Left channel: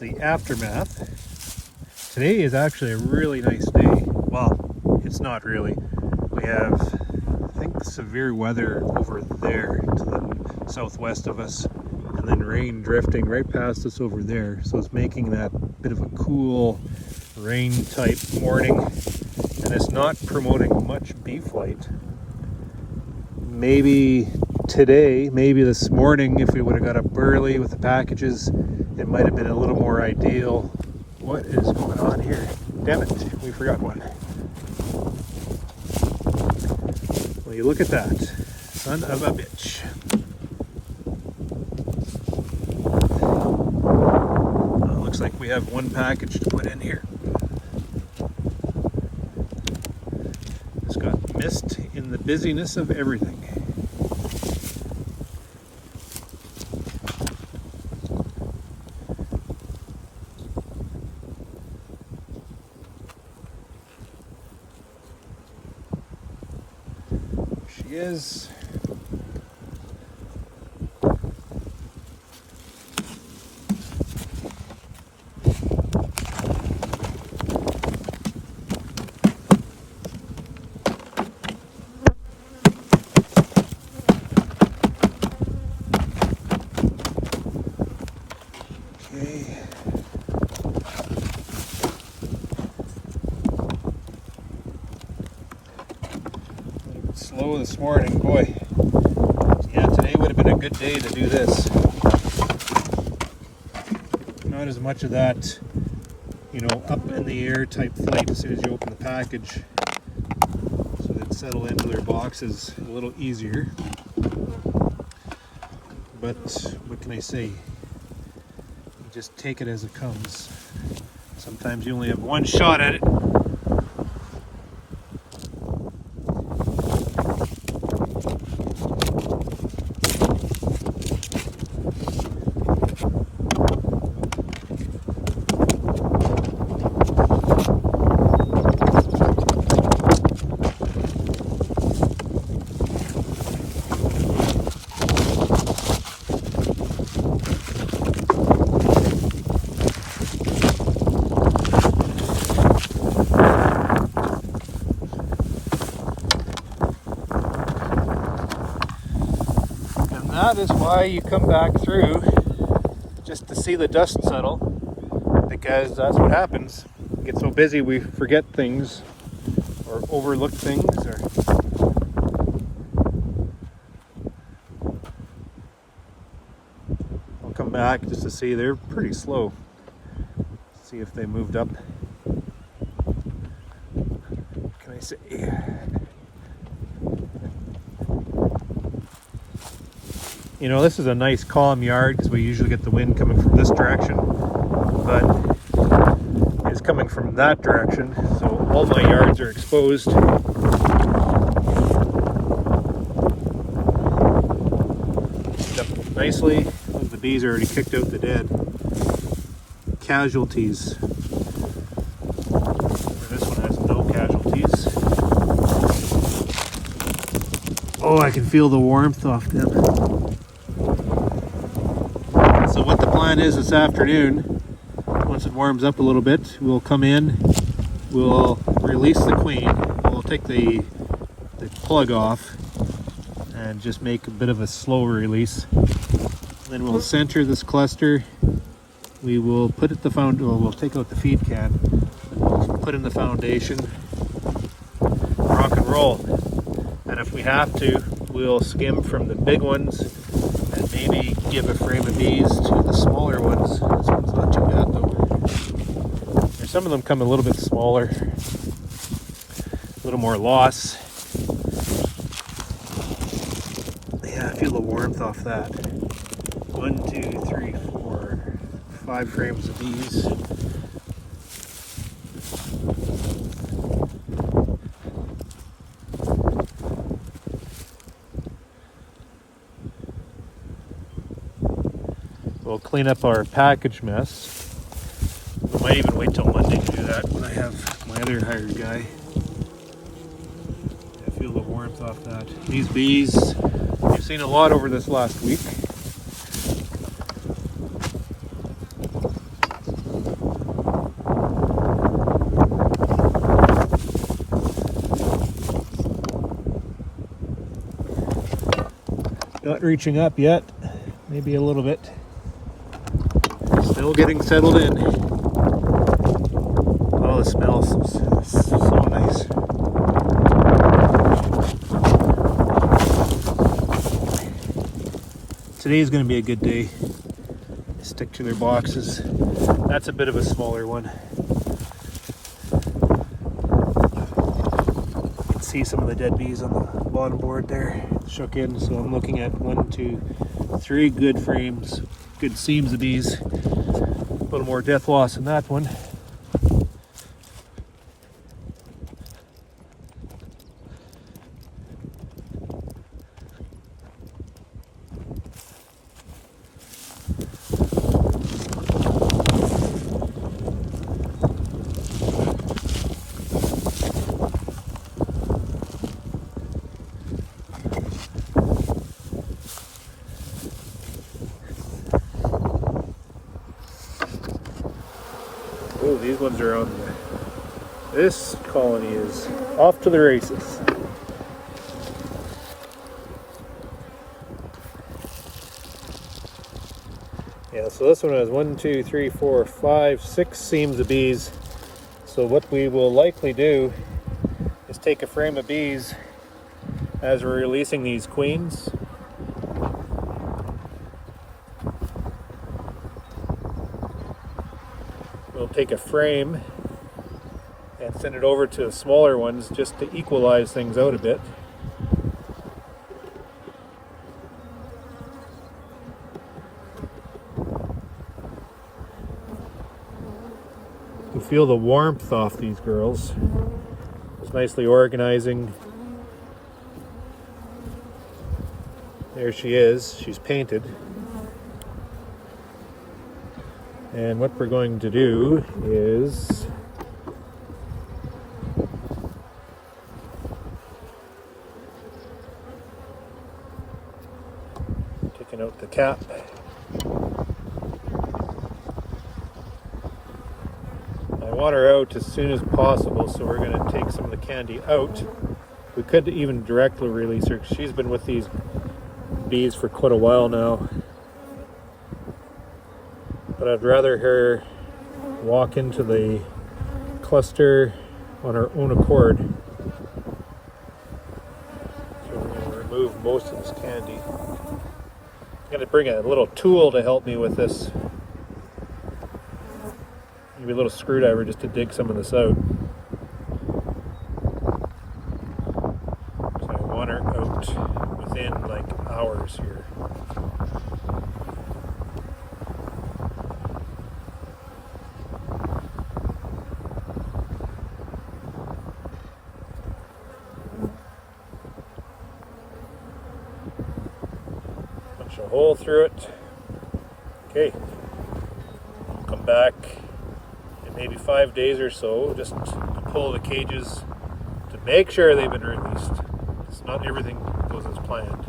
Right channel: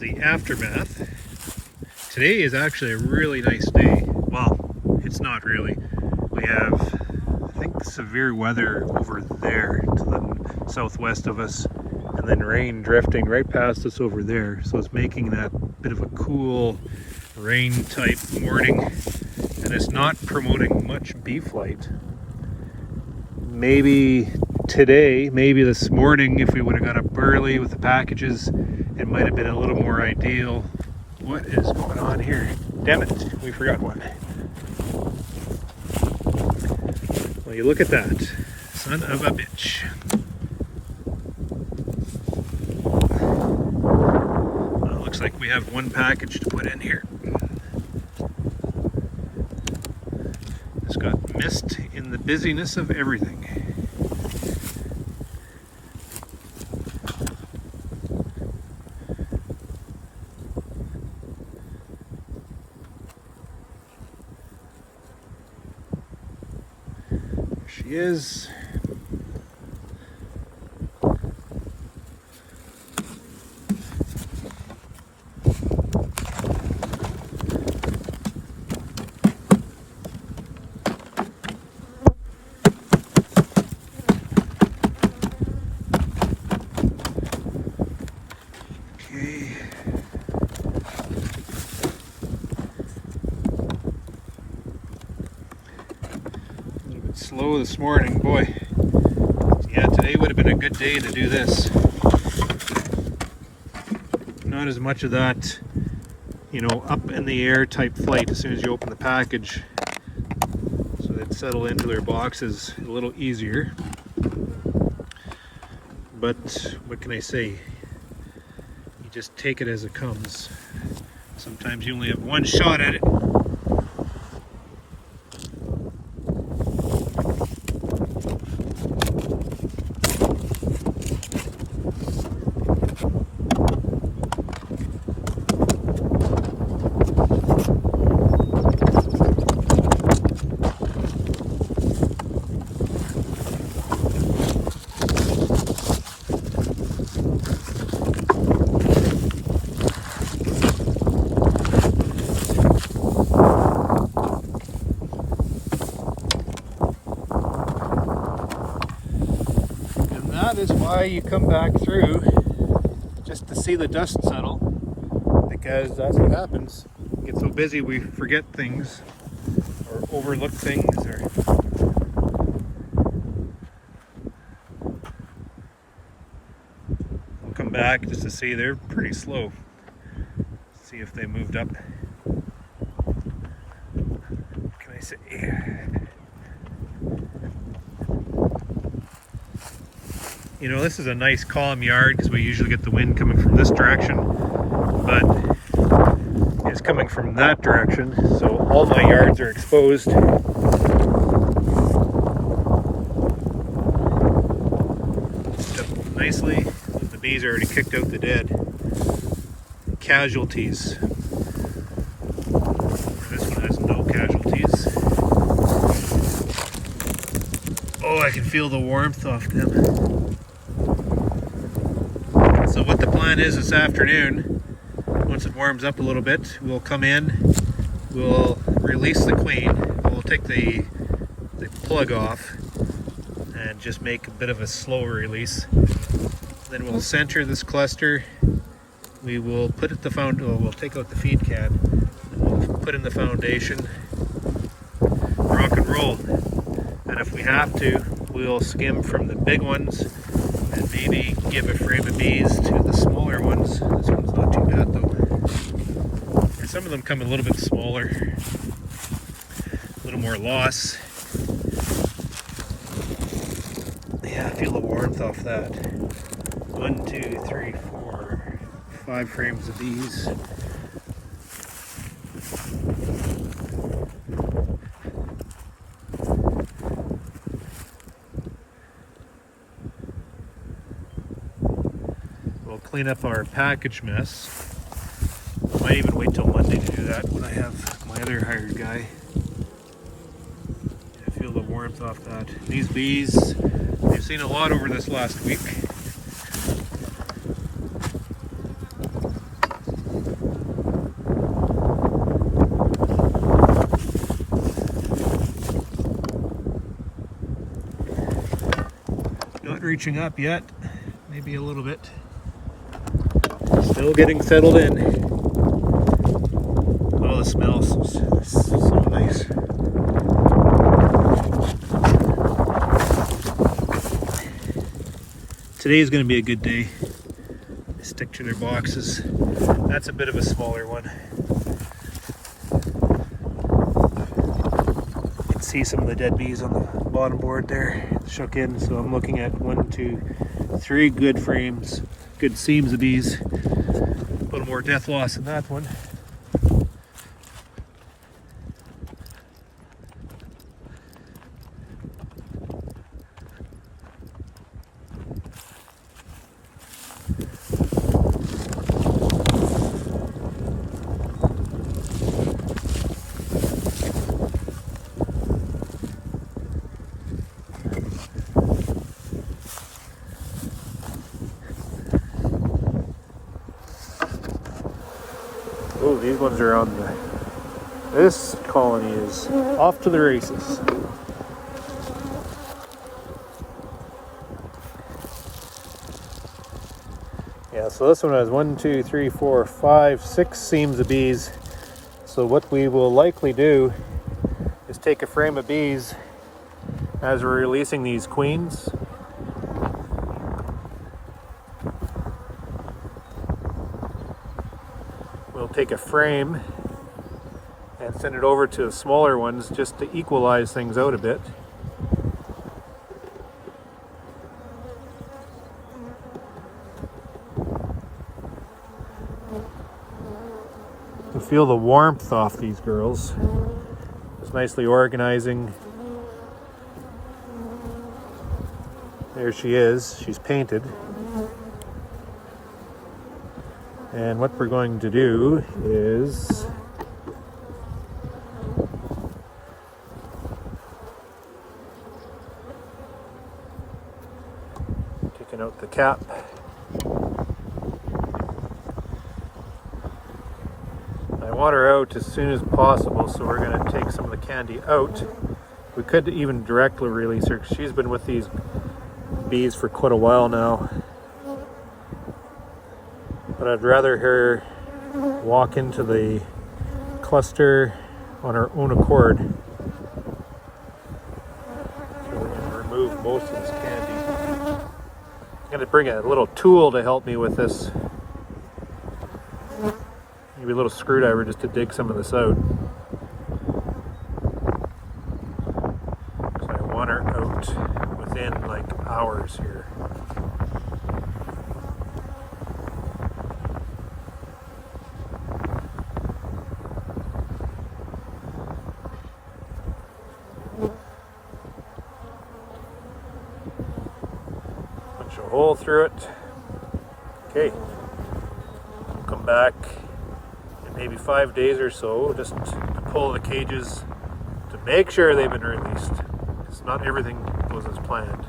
It's the aftermath. Today is actually a really nice day. Well, it's not really. We have, I think, severe weather over there to the southwest of us, and then rain drifting right past us over there. So it's making that bit of a cool rain type morning, and it's not promoting much bee flight. Maybe today, maybe this morning, if we would have got up early with the packages, it might have been a little more ideal. What is going on here? Damn it, we forgot one. Well, you look at that. Son of a bitch. Well, looks like we have one package to put in here. It's got missed in the busyness of everything. She is. Okay. Slow this morning, boy. Yeah, today would have been a good day to do this. Not as much of that, you know, up in the air type flight as soon as you open the package, so they'd settle into their boxes a little easier. But what can I say? You just take it as it comes. Sometimes you only have one shot at it. That is why you come back through, just to see the dust settle, because that's what happens. We get so busy we forget things or overlook things. Or we'll come back just to see. They're pretty slow. See if they moved up. What can I say? You know, this is a nice calm yard because we usually get the wind coming from this direction, but it's coming from that direction, so all my yards are exposed. Up nicely. The bees already kicked out the dead casualties. This one has no casualties. Oh, I can feel the warmth off them. So what the plan is this afternoon, once it warms up a little bit, we'll come in, we'll release the queen, we'll take the plug off and just make a bit of a slow release. Then we'll center this cluster. We will put it we'll take out the feed can, we'll put in the foundation, rock and roll. And if we have to, we'll skim from the big ones and maybe give a frame of bees to the smaller ones. This one's not too bad though. Or some of them come a little bit smaller, a little more loss. Yeah, I feel the warmth off that. 1, 2, 3, 4, 5 frames of bees. We'll clean up our package mess. I might even wait till Monday to do that when I have my other hired guy. I feel the warmth off that. These bees, we've seen a lot over this last week. reaching up yet. Maybe a little bit. Still getting settled in. Oh, the smell is so nice. Today's going to be a good day. They stick to their boxes. That's a bit of a smaller one. You can see some of the dead bees on the bottom board there, shook in. So I'm looking at 1, 2, 3 good frames, good seams of bees. A little more death loss in that one. Oh, these ones are on the... This colony is off to the races. Yeah, so this one has 1, 2, 3, 4, 5, 6 seams of bees. So what we will likely do is take a frame of bees as we're releasing these queens. We'll take a frame and send it over to smaller ones just to equalize things out a bit. You feel the warmth off these girls. It's nicely organizing. There she is. She's painted. And what we're going to do is taking out the cap. I want her out as soon as possible, so we're going to take some of the candy out. We could even directly release her. She's been with these bees for quite a while now. But I'd rather her walk into the cluster on her own accord. So we're going to remove most of this candy. I'm going to bring a little tool to help me with this. Maybe a little screwdriver just to dig some of this out. So I want her out within like hours here. Punch a hole through it. Okay. We'll come back in maybe 5 days or so just to pull the cages to make sure they've been released. It's not everything goes as planned.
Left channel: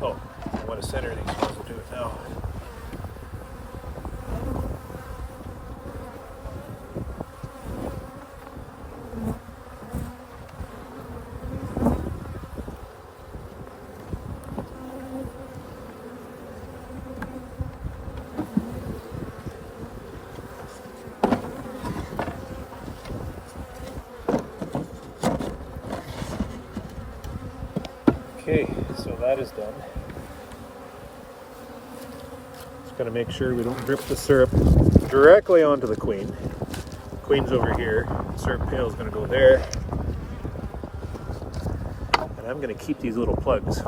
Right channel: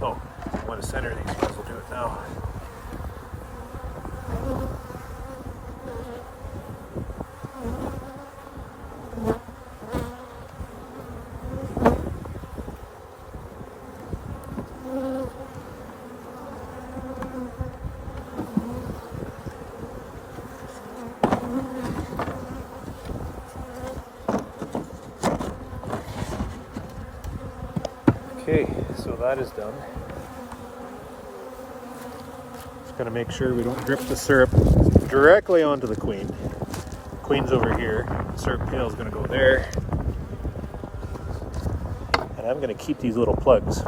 Oh, I want to center these, so we'll do it now. Okay, so that is done. Just gotta make sure we don't drip the syrup directly onto the queen. The queen's over here. The syrup pail is gonna go there. And I'm gonna keep these little plugs.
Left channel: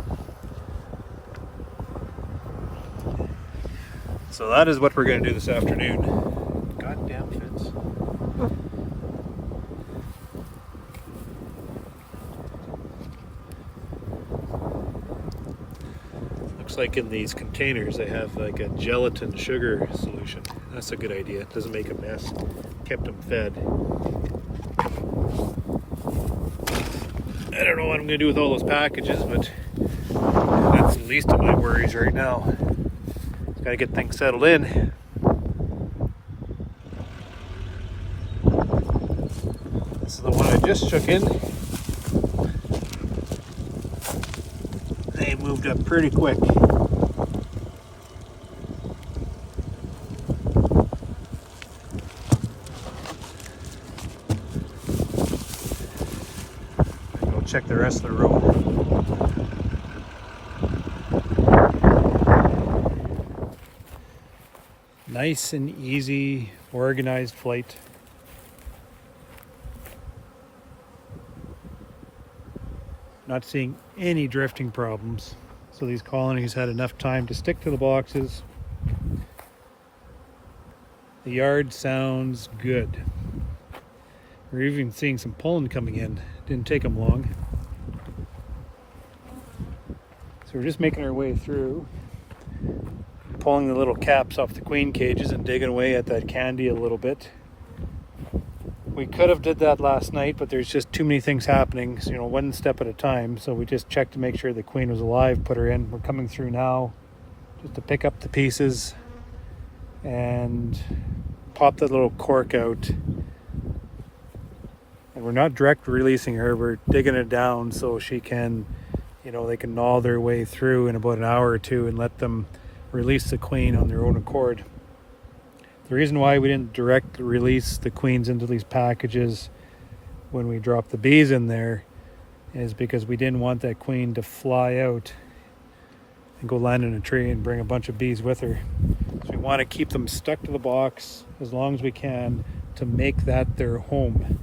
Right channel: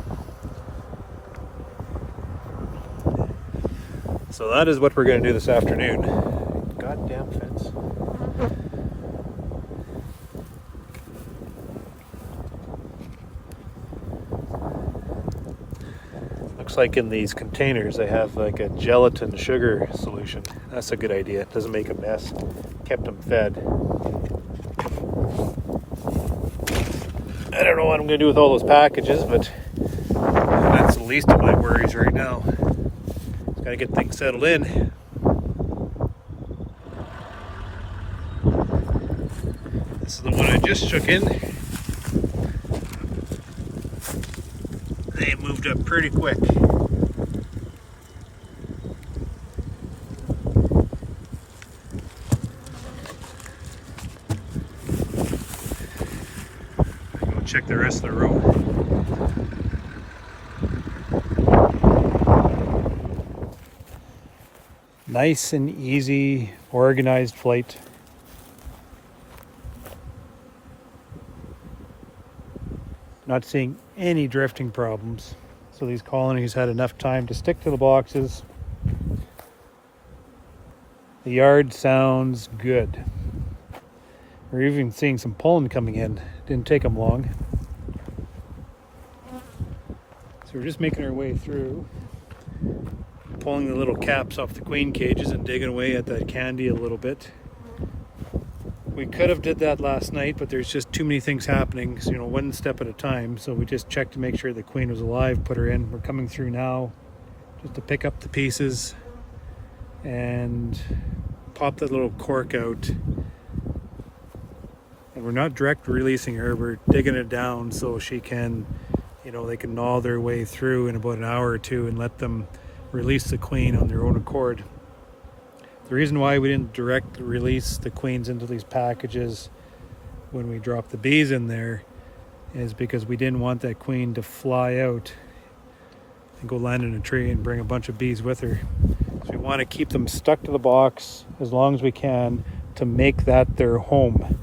So that is what we're gonna do this afternoon. Goddamn fence. Looks like in these containers they have like a gelatin sugar solution. That's a good idea. It doesn't make a mess. Kept them fed. I don't know what I'm going to do with all those packages, but that's the least of my worries right now. Just got to get things settled in. This is the one I just shook in. They moved up pretty quick. Go check the rest of the row. Nice and easy, organized flight. Not seeing any drifting problems. So these colonies had enough time to stick to the boxes. The yard sounds good. We're even seeing some pollen coming in. Didn't take them long. So we're just making our way through, pulling the little caps off the queen cages and digging away at that candy a little bit. We could have did that last night, but there's just too many things happening, so, one step at a time. So we just checked to make sure the queen was alive, put her in. We're coming through now just to pick up the pieces and pop that little cork out. And we're not direct releasing her, we're digging it down so she can, they can gnaw their way through in about an hour or two and let them release the queen on their own accord. The reason why we didn't direct release the queens into these packages when we dropped the bees in there is because we didn't want that queen to fly out and go land in a tree and bring a bunch of bees with her. So we want to keep them stuck to the box as long as we can to make that their home.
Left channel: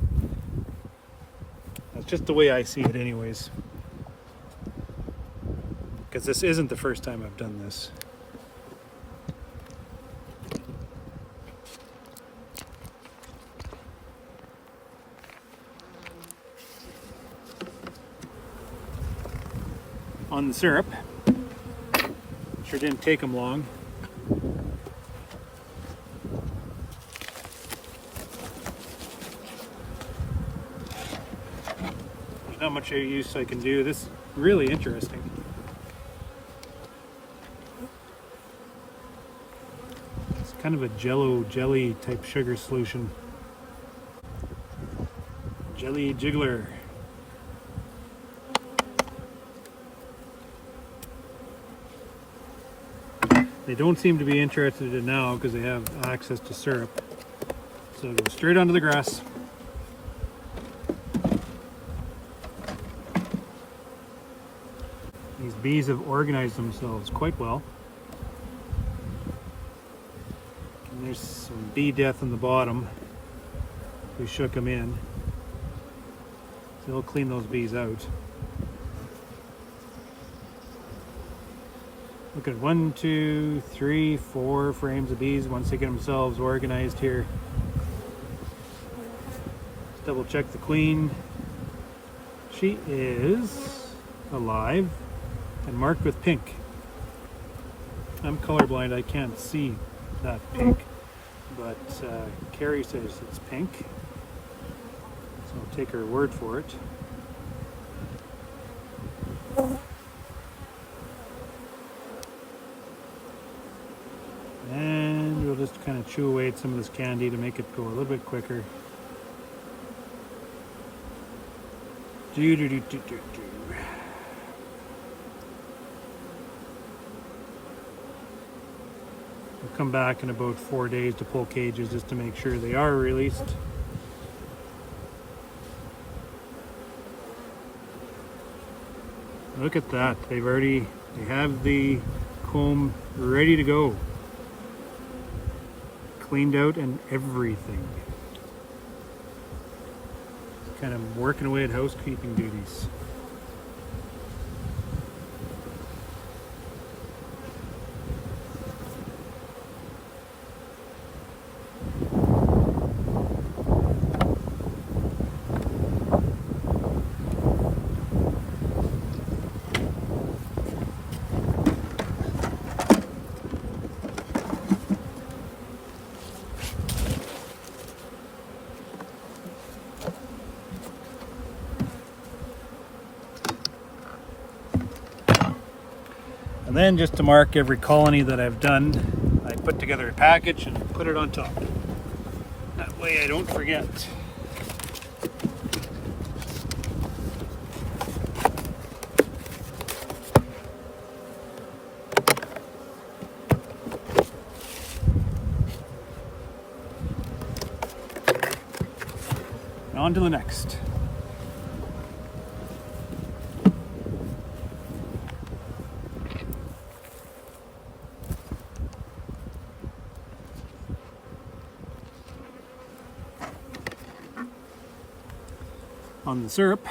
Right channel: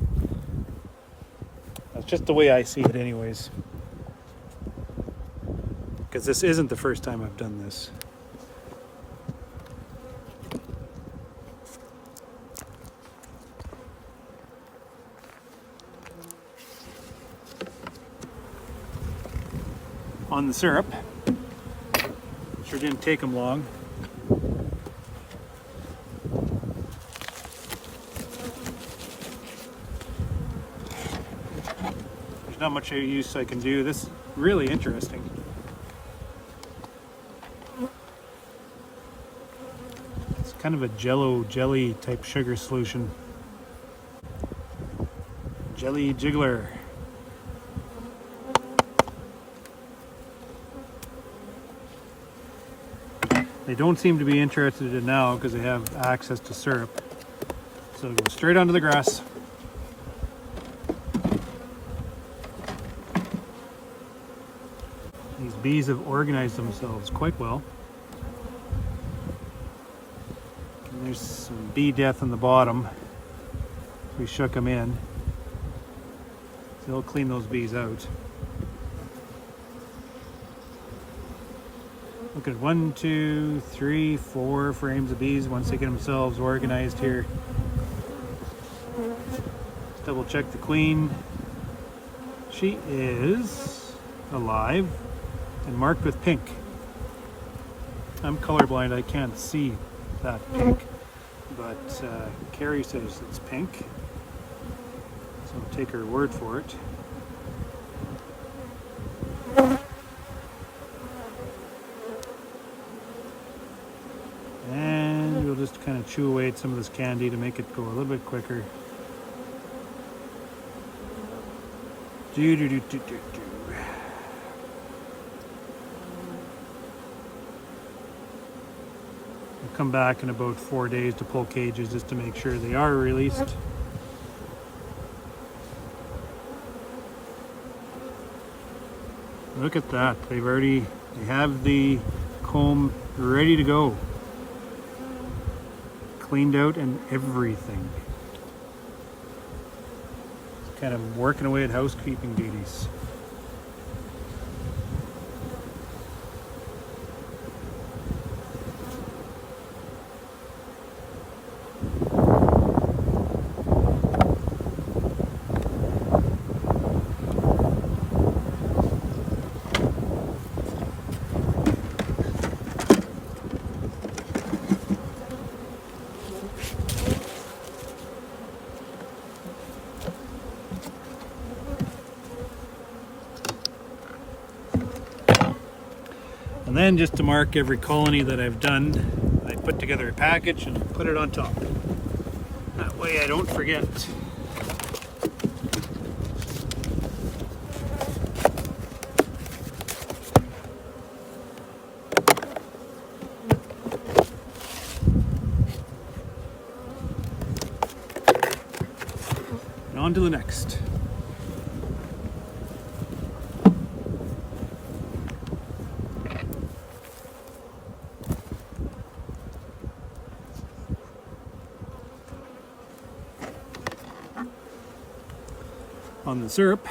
That's just the way I see it anyways. Because this isn't the first time I've done this. On the syrup. Sure didn't take them long. There's not much use I can do. This is really interesting. It's kind of a jelly type sugar solution. Jelly jiggler. They don't seem to be interested in now because they have access to syrup. So go straight onto the grass. These bees have organized themselves quite well. And there's some bee death in the bottom. We shook them in. They'll clean those bees out. Look at 1, 2, 3, 4 frames of bees once they get themselves organized here. Double check the queen. She is alive and marked with pink. I'm colorblind, I can't see that pink, but Carrie says it's pink, so I'll take her word for it. And we'll just kind of chew away at some of this candy to make it go a little bit quicker. We'll come back in about 4 days to pull cages just to make sure they are released. Look at that, they have the comb ready to go. Cleaned out and everything. Kind of working away at housekeeping duties. And then just to mark every colony that I've done, I put together a package and put it on top. That way I don't forget. on to the next. On the syrup,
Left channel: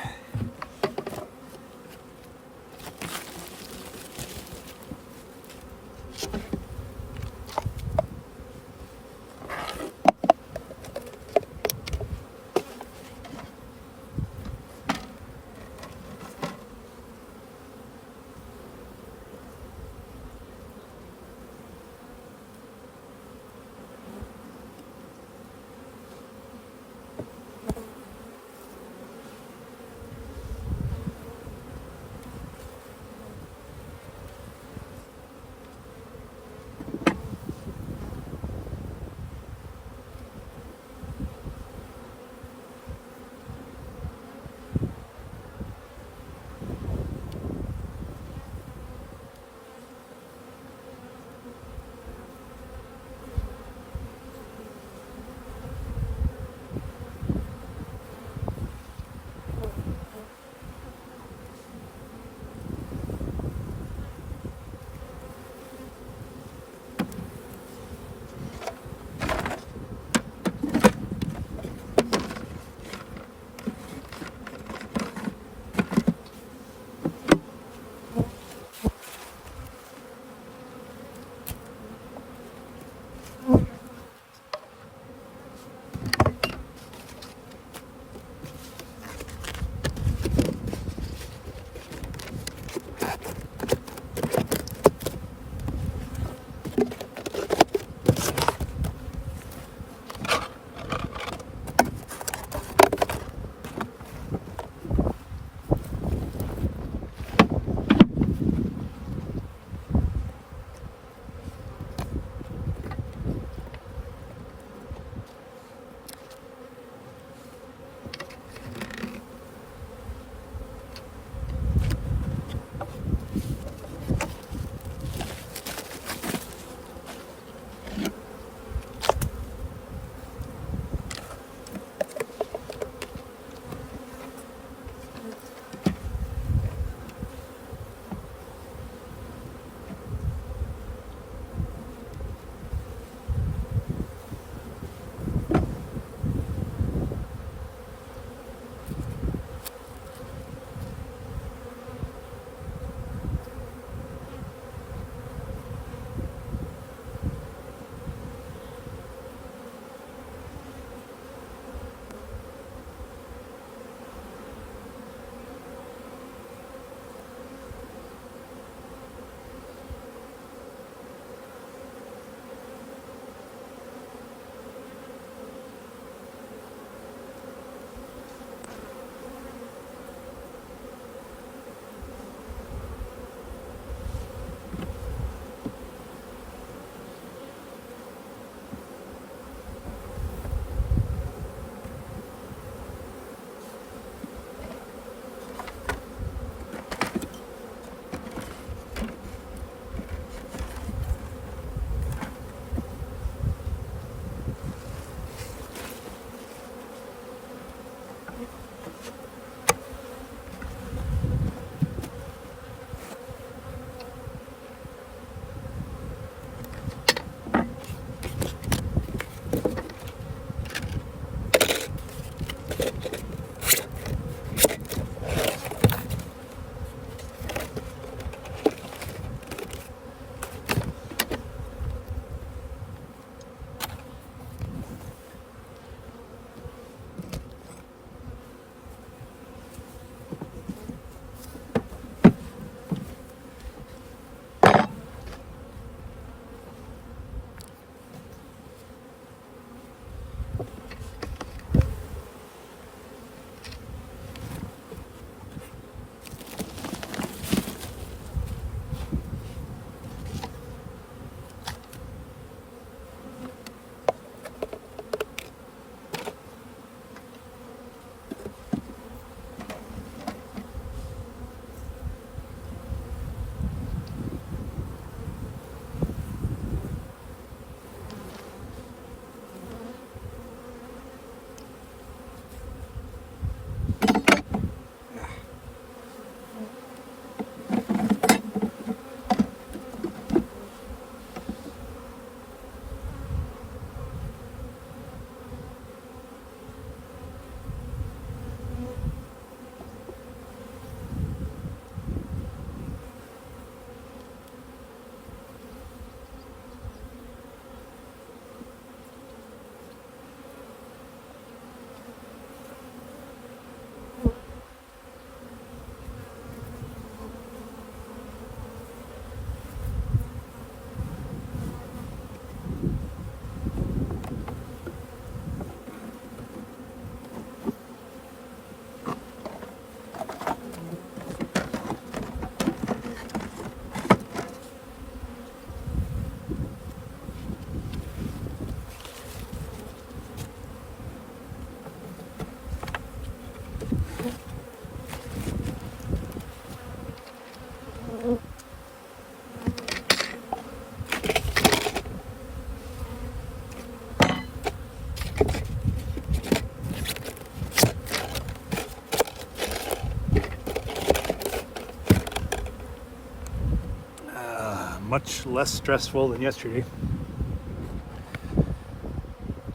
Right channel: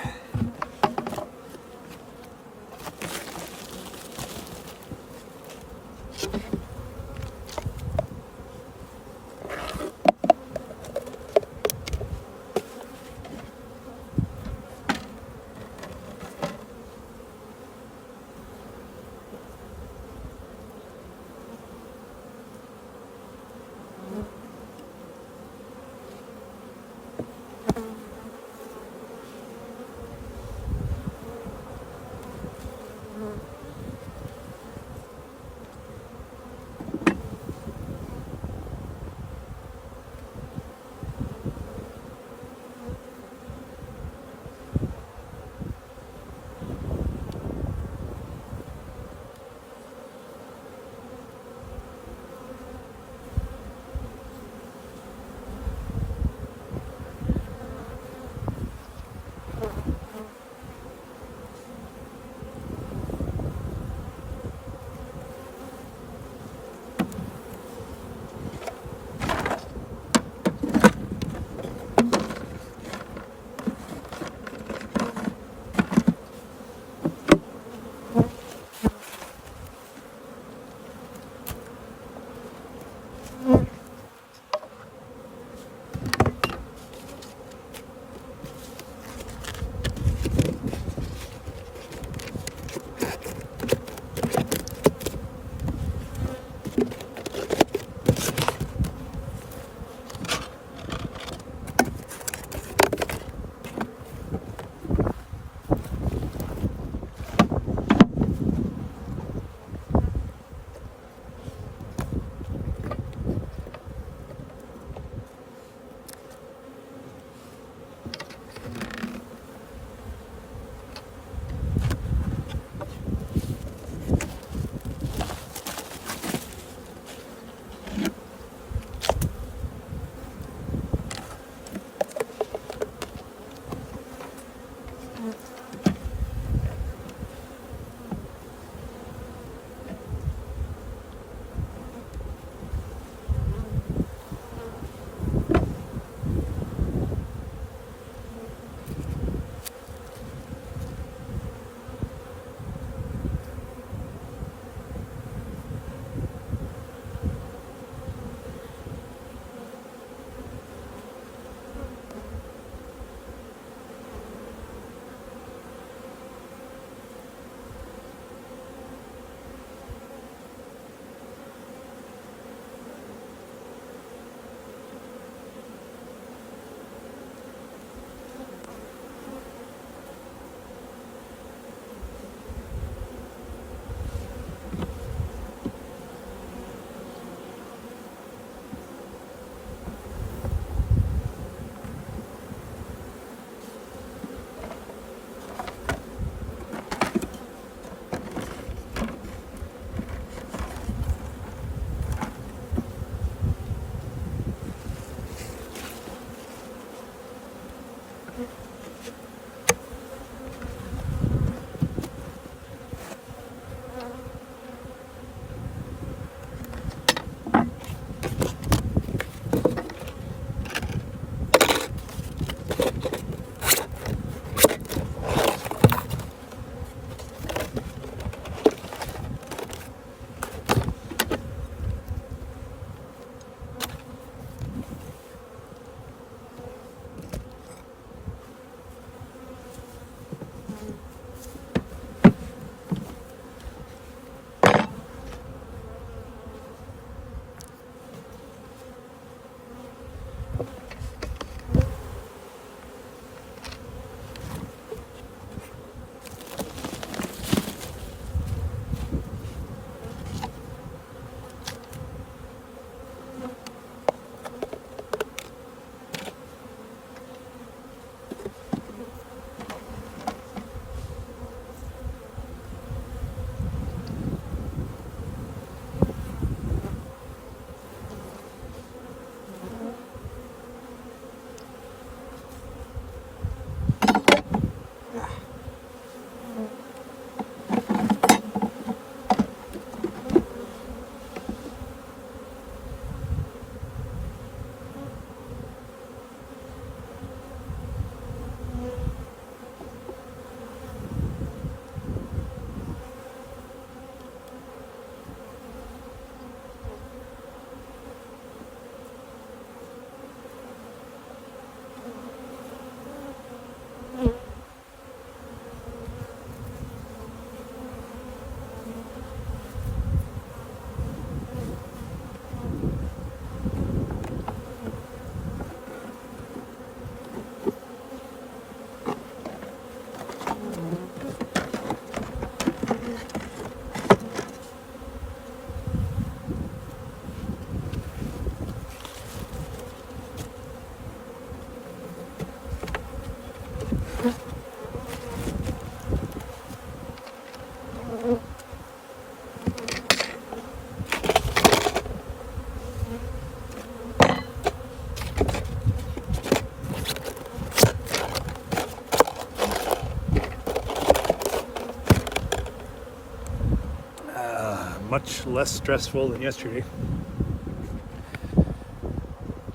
much less stressful than yesterday.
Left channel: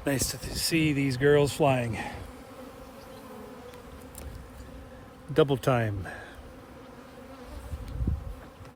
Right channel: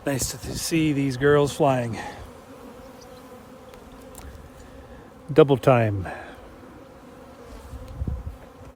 Nice to see these girls flying. Double time.